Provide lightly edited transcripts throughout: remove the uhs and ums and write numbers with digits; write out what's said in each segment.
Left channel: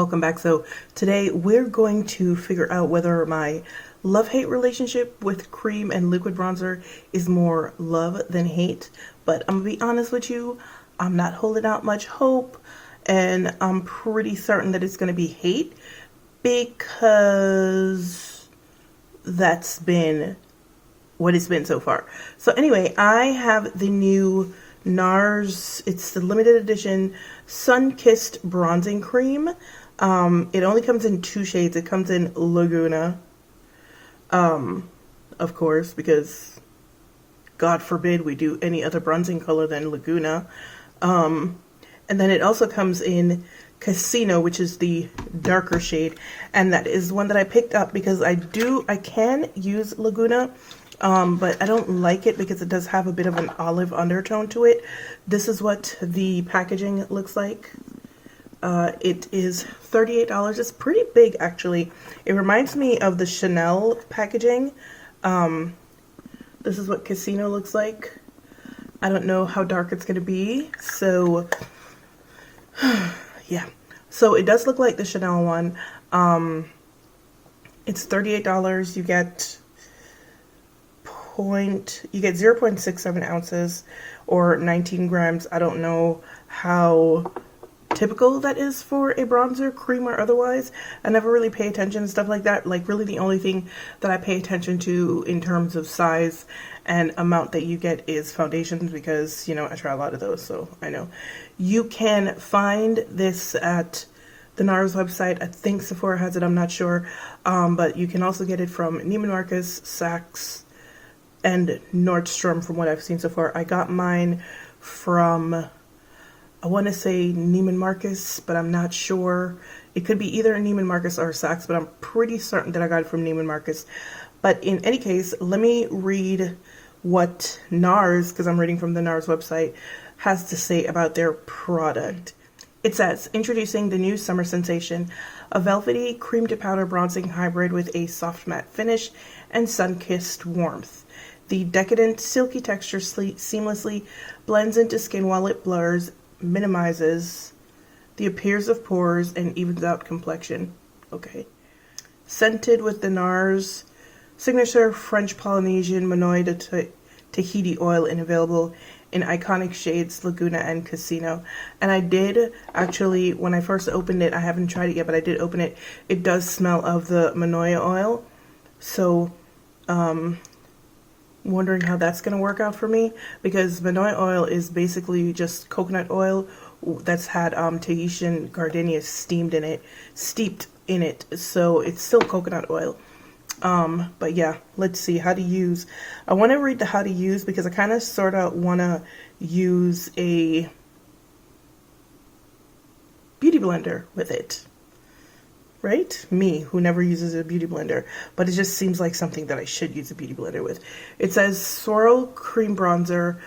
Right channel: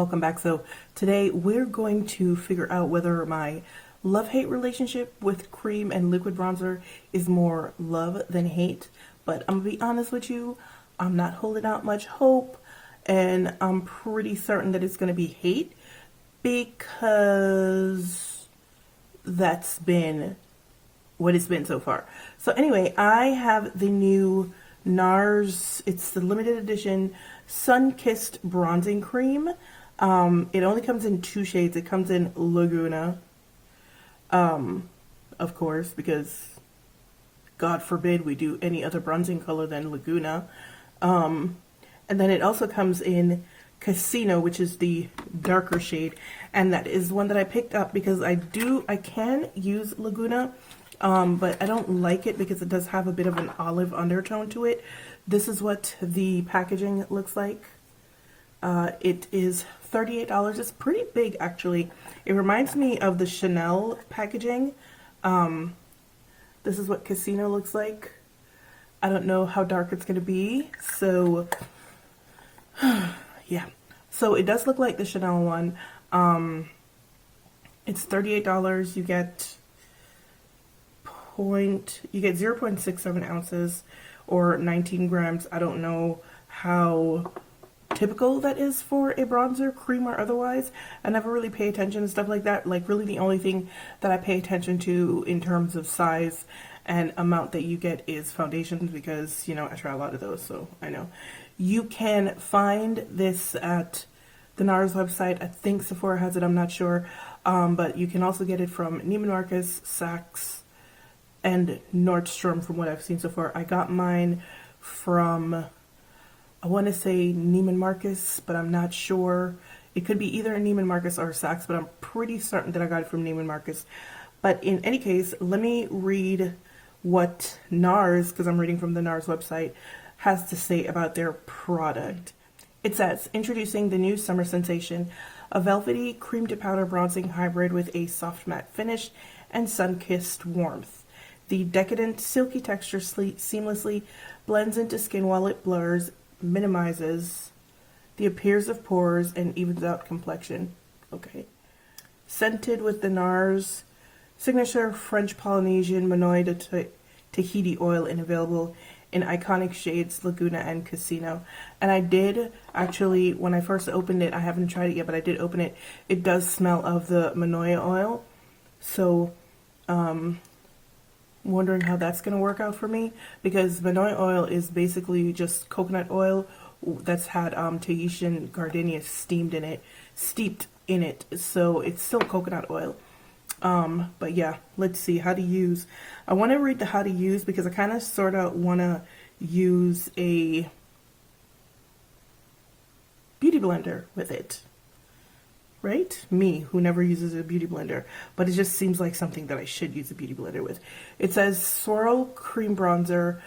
welcome back. So today we're going to figure out whether my love-hate relationship with cream and liquid bronzer is more love than hate. But I'm gonna be honest with you, I'm not holding out much hope, and I'm pretty certain that it's gonna be hate because that's been what it's been so far. So anyway, I have the new Nars, it's the limited edition Sunkissed bronzing cream. It only comes in 2 shades. It comes in Laguna, of course, because God forbid we do any other bronzing color than Laguna. And then it also comes in Casino, which is the darker shade, and that is one that I picked up because I can use Laguna, but I don't like it because it does have a bit of an olive undertone to it. This is what the packaging looks like. It is $38. It's pretty big, actually. It reminds me of the Chanel packaging. This is what Casino looks like. I don't know how dark it's going to be, so yeah. So it does look like the Chanel one. It's $38. You get 0.67 ounces or 19 grams. I don't know how typical that is for a bronzer, cream or otherwise. I never really pay attention to stuff like that. Like, really the only thing that I pay attention to in terms of size and amount that you get is foundations, because, you know, I try a lot of those, so I know. You can find this at the Nars website. I think Sephora has it, I'm not sure. But you can also get it from Neiman Marcus, Saks, and Nordstrom from what I've seen so far. I got mine from, I want to say Neiman Marcus, but I'm not sure. It could be either Neiman Marcus or Saks, but I'm pretty certain that I got it from Neiman Marcus. But in any case, let me read what Nars, because I'm reading from the Nars website, has to say about their product. It says, introducing the new summer sensation, a velvety cream to powder bronzing hybrid with a soft matte finish and sun-kissed warmth. The decadent, silky texture seamlessly blends into skin while it blurs, minimizes the appearance of pores, and evens out complexion. Okay. Scented with the Nars signature French Polynesian Manoi de Tahiti oil, and available in iconic shades Laguna and Casino. And I did actually, when I first opened it, I haven't tried it yet, but I did open it. It does smell of the Manoi oil. So, wondering how that's going to work out for me, because Manoi oil is basically just coconut oil that's had Tahitian gardenia steeped in it, so it's still coconut oil. But yeah, let's see how to use. I want to read the how to use because I kind of sort of want to use a beauty blender with it. Right? Me, who never uses a beauty blender, but it just seems like something that I should use a beauty blender with. It says Swirl Cream Bronzer.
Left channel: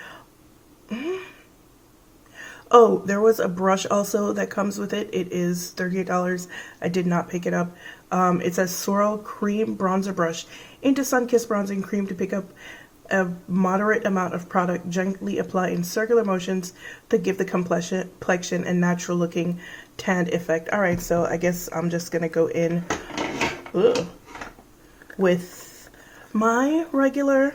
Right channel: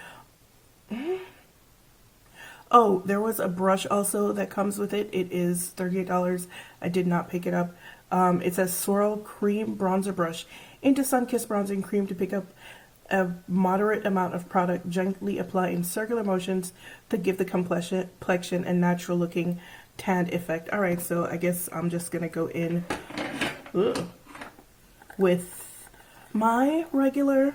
Oh, there was a brush also that comes with it. It is $38. I did not pick it up. It says Swirl Cream Bronzer Brush into Sunkissed Bronzing Cream to pick up a moderate amount of product. Gently apply in circular motions to give the complexion and natural looking tanned effect. Alright, so I guess I'm just gonna go in with my regular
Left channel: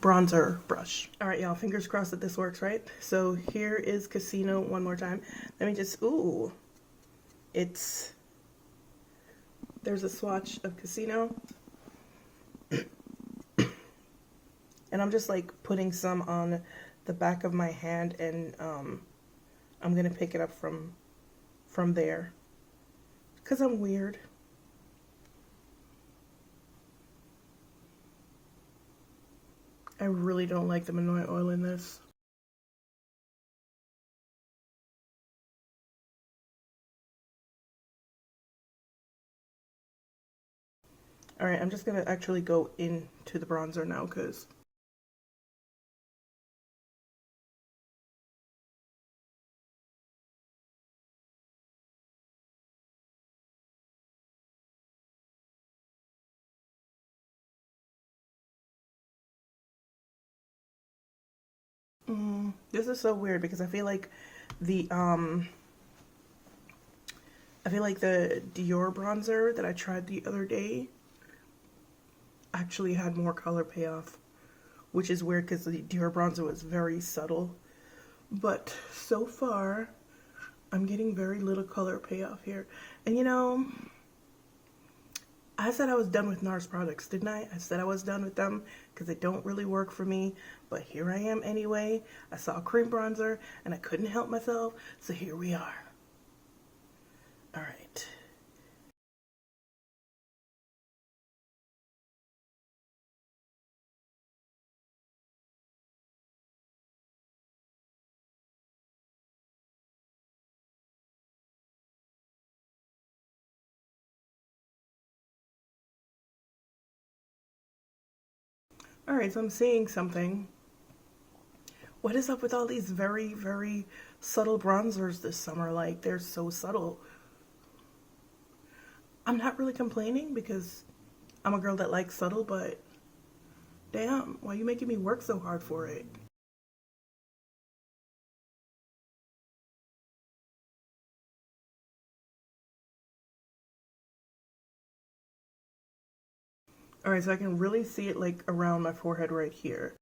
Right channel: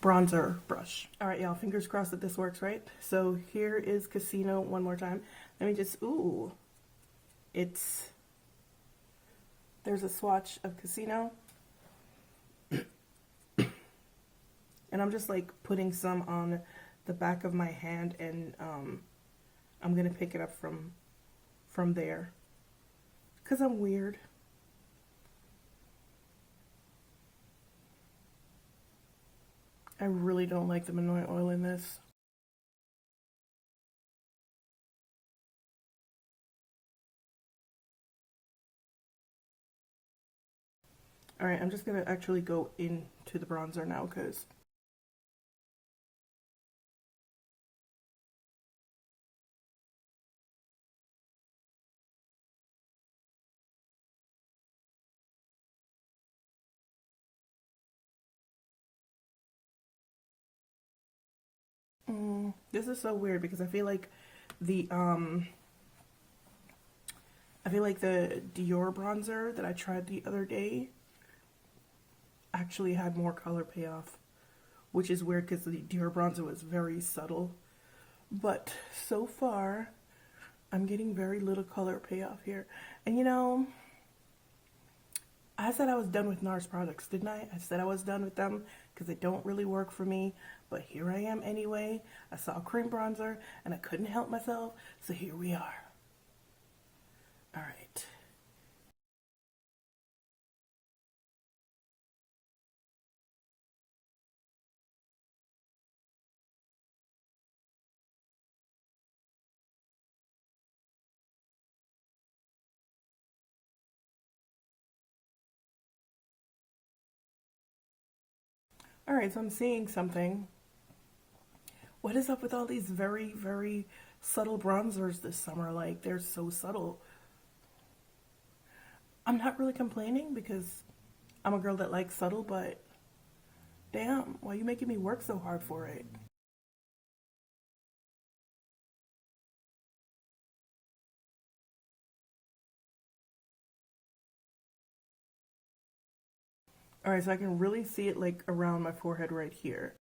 bronzer brush. Alright, y'all, fingers crossed that this works, right? So here is Casino one more time. Let me just, there's a swatch of Casino. And I'm just like putting some on the back of my hand, and I'm gonna pick it up from there because I'm weird. I really don't like the Manoi oil in this. Alright, I'm just gonna actually go into the bronzer now because this is so weird because I feel like The I feel like the Dior bronzer that I tried the other day actually had more color payoff, which is weird because the Dior bronzer was very subtle. But so far, I'm getting very little color payoff here. And you know, I said I was done with NARS products, didn't I? I said I was done with them because they don't really work for me. But here I am anyway. I saw a cream bronzer and I couldn't help myself. So here we are. All right. All right, so I'm seeing something. What is up with all these very, very subtle bronzers this summer? Like, they're so subtle. I'm not really complaining because I'm a girl that likes subtle, but damn, why are you making me work so hard for it? All right, so I can really see it like around my forehead right here.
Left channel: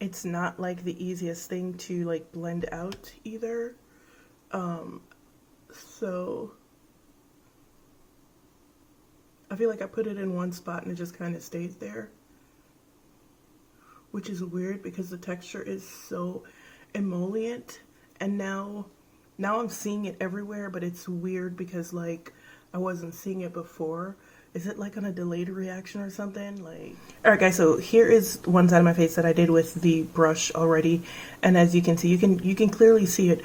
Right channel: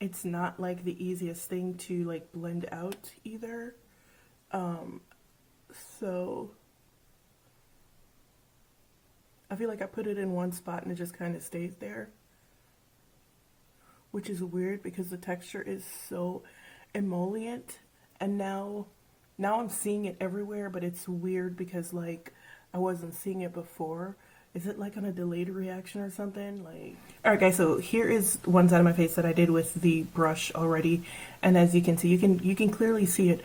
It's not like the easiest thing to like blend out either. So I feel like I put it in one spot and it just kind of stays there, which is weird because the texture is so emollient. And now I'm seeing it everywhere, but it's weird because like I wasn't seeing it before. Is it like on a delayed reaction or something? Like, all right, guys. So here is one side of my face that I did with the brush already, and as you can see, you can clearly see it.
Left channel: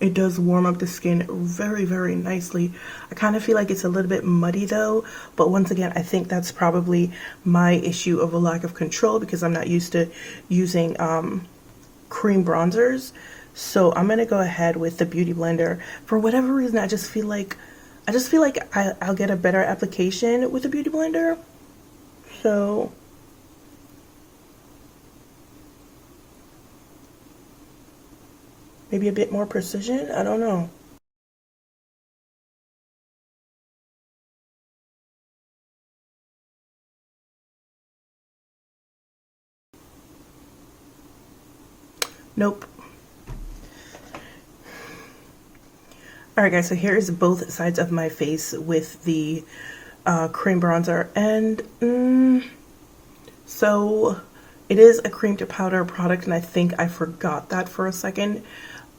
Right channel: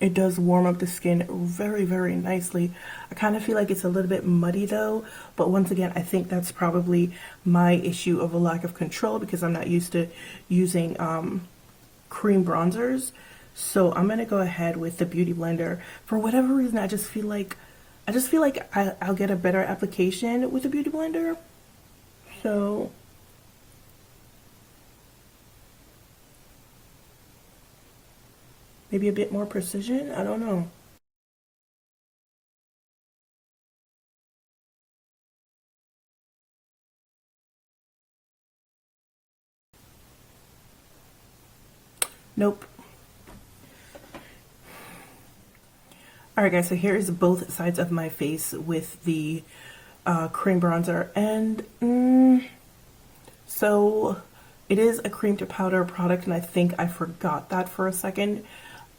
It does warm up the skin very, very nicely. I kind of feel like it's a little bit muddy though, but once again, I think that's probably my issue of a lack of control because I'm not used to using cream bronzers. So I'm gonna go ahead with the Beauty Blender. For whatever reason, I just feel like I'll get a better application with the Beauty Blender. So maybe a bit more precision, I don't know. Nope. Alright guys, so here's both sides of my face with the cream bronzer, and so it is a cream to powder product, and I think I forgot that for a second.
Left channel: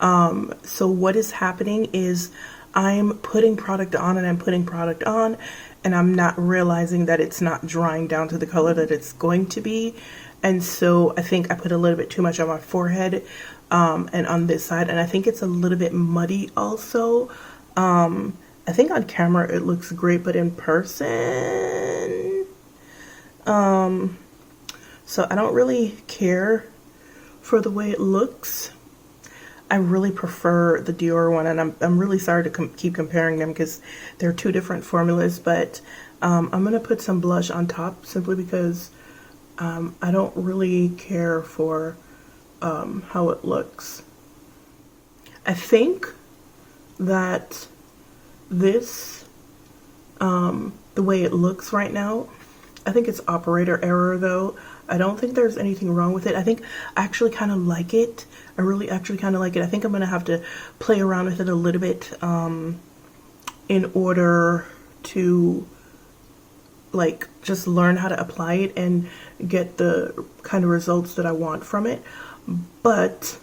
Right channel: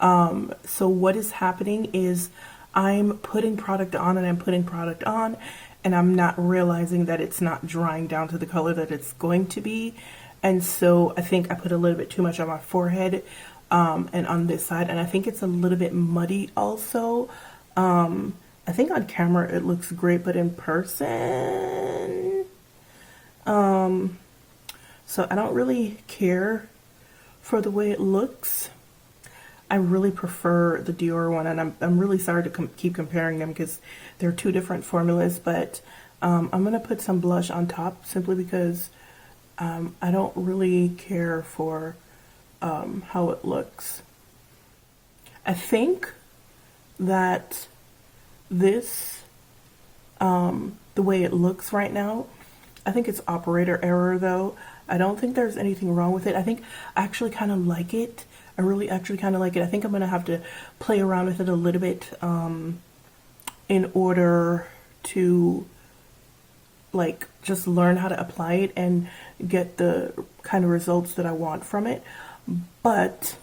So what is happening is I'm putting product on and I'm putting product on, and I'm not realizing that it's not drying down to the color that it's going to be. And so I think I put a little bit too much on my forehead and on this side, and I think it's a little bit muddy also. I think on camera it looks great, but in person, so I don't really care for the way it looks. I really prefer the Dior one, and I'm really sorry to keep comparing them because they're two different formulas, but I'm gonna put some blush on top simply because I don't really care for how it looks. I think that this, the way it looks right now, I think it's operator error though. I don't think there's anything wrong with it. I think I actually kind of like it. I really actually kind of like it. I think I'm gonna have to play around with it a little bit in order to like just learn how to apply it and get the kind of results that I want from it. But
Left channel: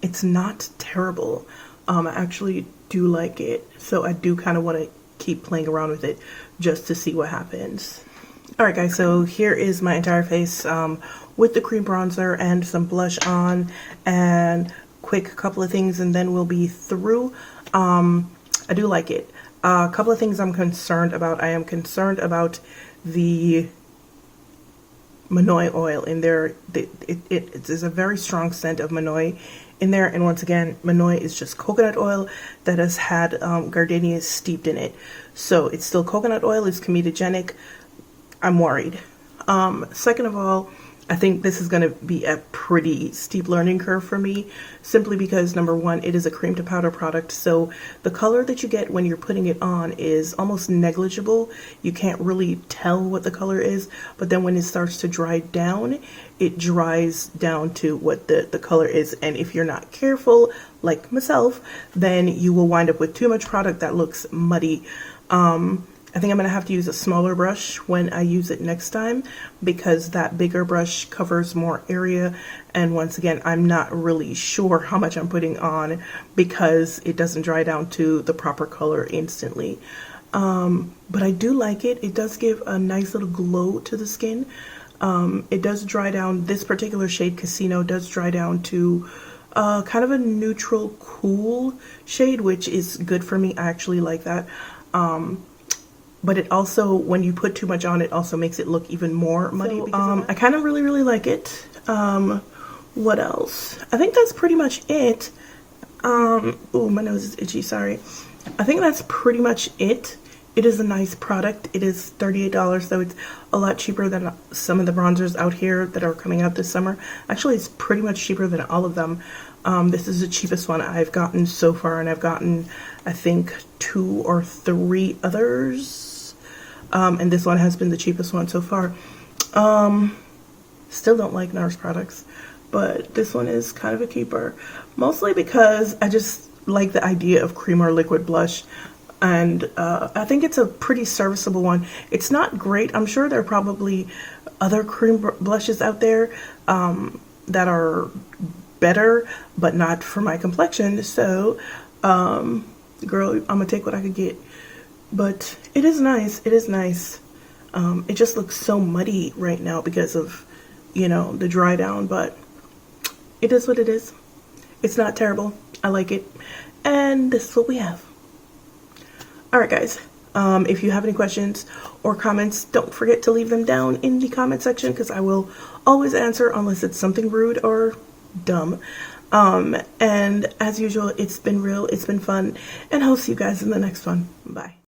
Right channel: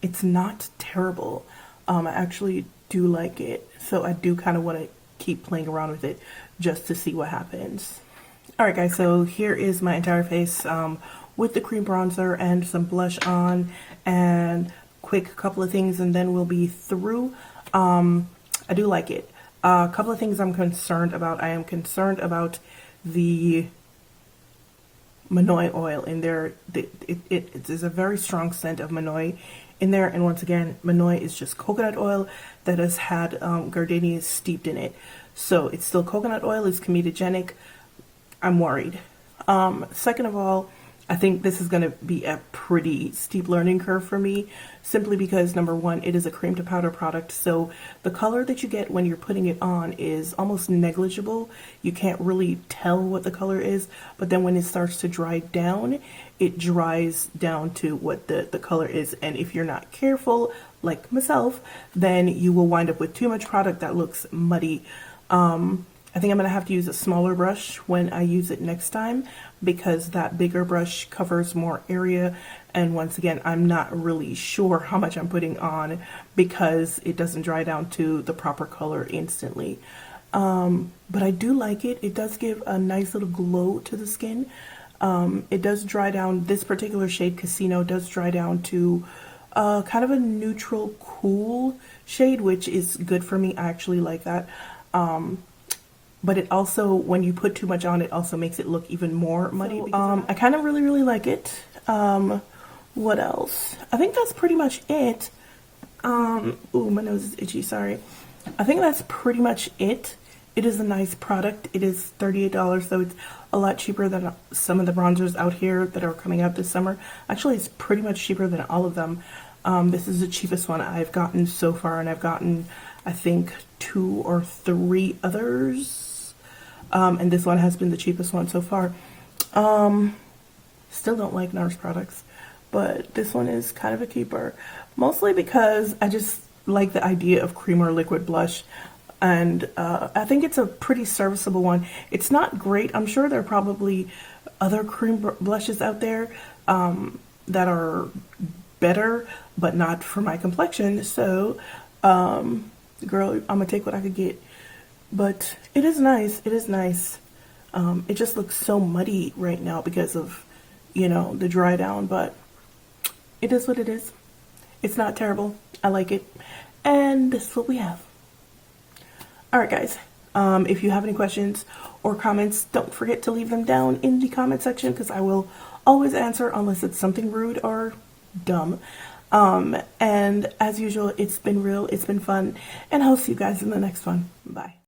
it's not terrible. I actually do like it, so I do kind of want to keep playing around with it just to see what happens. Alright guys, so here is my entire face with the cream bronzer and some blush on, and quick couple of things and then we'll be through. I do like it. A couple of things I'm concerned about. I am concerned about the Manoi oil in there. It is a very strong scent of Manoi in there, and once again, Manoi is just coconut oil that has had gardenias steeped in it. So it's still coconut oil, it's comedogenic. I'm worried. Second of all, I think this is going to be a pretty steep learning curve for me, simply because number one, it is a cream to powder product. So the color that you get when you're putting it on is almost negligible. You can't really tell what the color is, but then when it starts to dry down, it dries down to what the color is. And if you're not careful, like myself, then you will wind up with too much product that looks muddy. I think I'm going to have to use a smaller brush when I use it next time, because that bigger brush covers more area. And once again, I'm not really sure how much I'm putting on because it doesn't dry down to the proper color instantly. But I do like it. It does give a nice little glow to the skin. It does dry down. This particular shade, Casino, does dry down to kind of a neutral, cool shade, which is good for me. I actually like that. But it also, when you put too much on, it also makes it look even more muddy. So, I kind of really like it. What else? I think that's pretty much it. Oh, my nose is itchy, sorry. I think that's pretty much it. It is a nice product. It is $38, so it's a lot cheaper than some of the bronzers out here that are coming out this summer. Actually, it's pretty much cheaper than all of them. This is the cheapest one I've gotten so far, and I've gotten, I think, 2 or 3 others. And this one has been the cheapest one so far. Still don't like Nars products, but this one is kind of a keeper. Mostly because I just like the idea of cream or liquid blush. And I think it's a pretty serviceable one. It's not great. I'm sure there are probably other cream blushes out there that are better, but not for my complexion. So, girl, I'm gonna take what I could get. But it is nice. It is nice. It just looks so muddy right now because of, you know, the dry down, but it is what it is. It's not terrible. I like it. And this is what we have. Alright guys, if you have any questions or comments, don't forget to leave them down in the comment section, because I will always answer unless it's something rude or dumb. And as usual, it's been real, it's been fun, and I'll see you guys in the next one. Bye.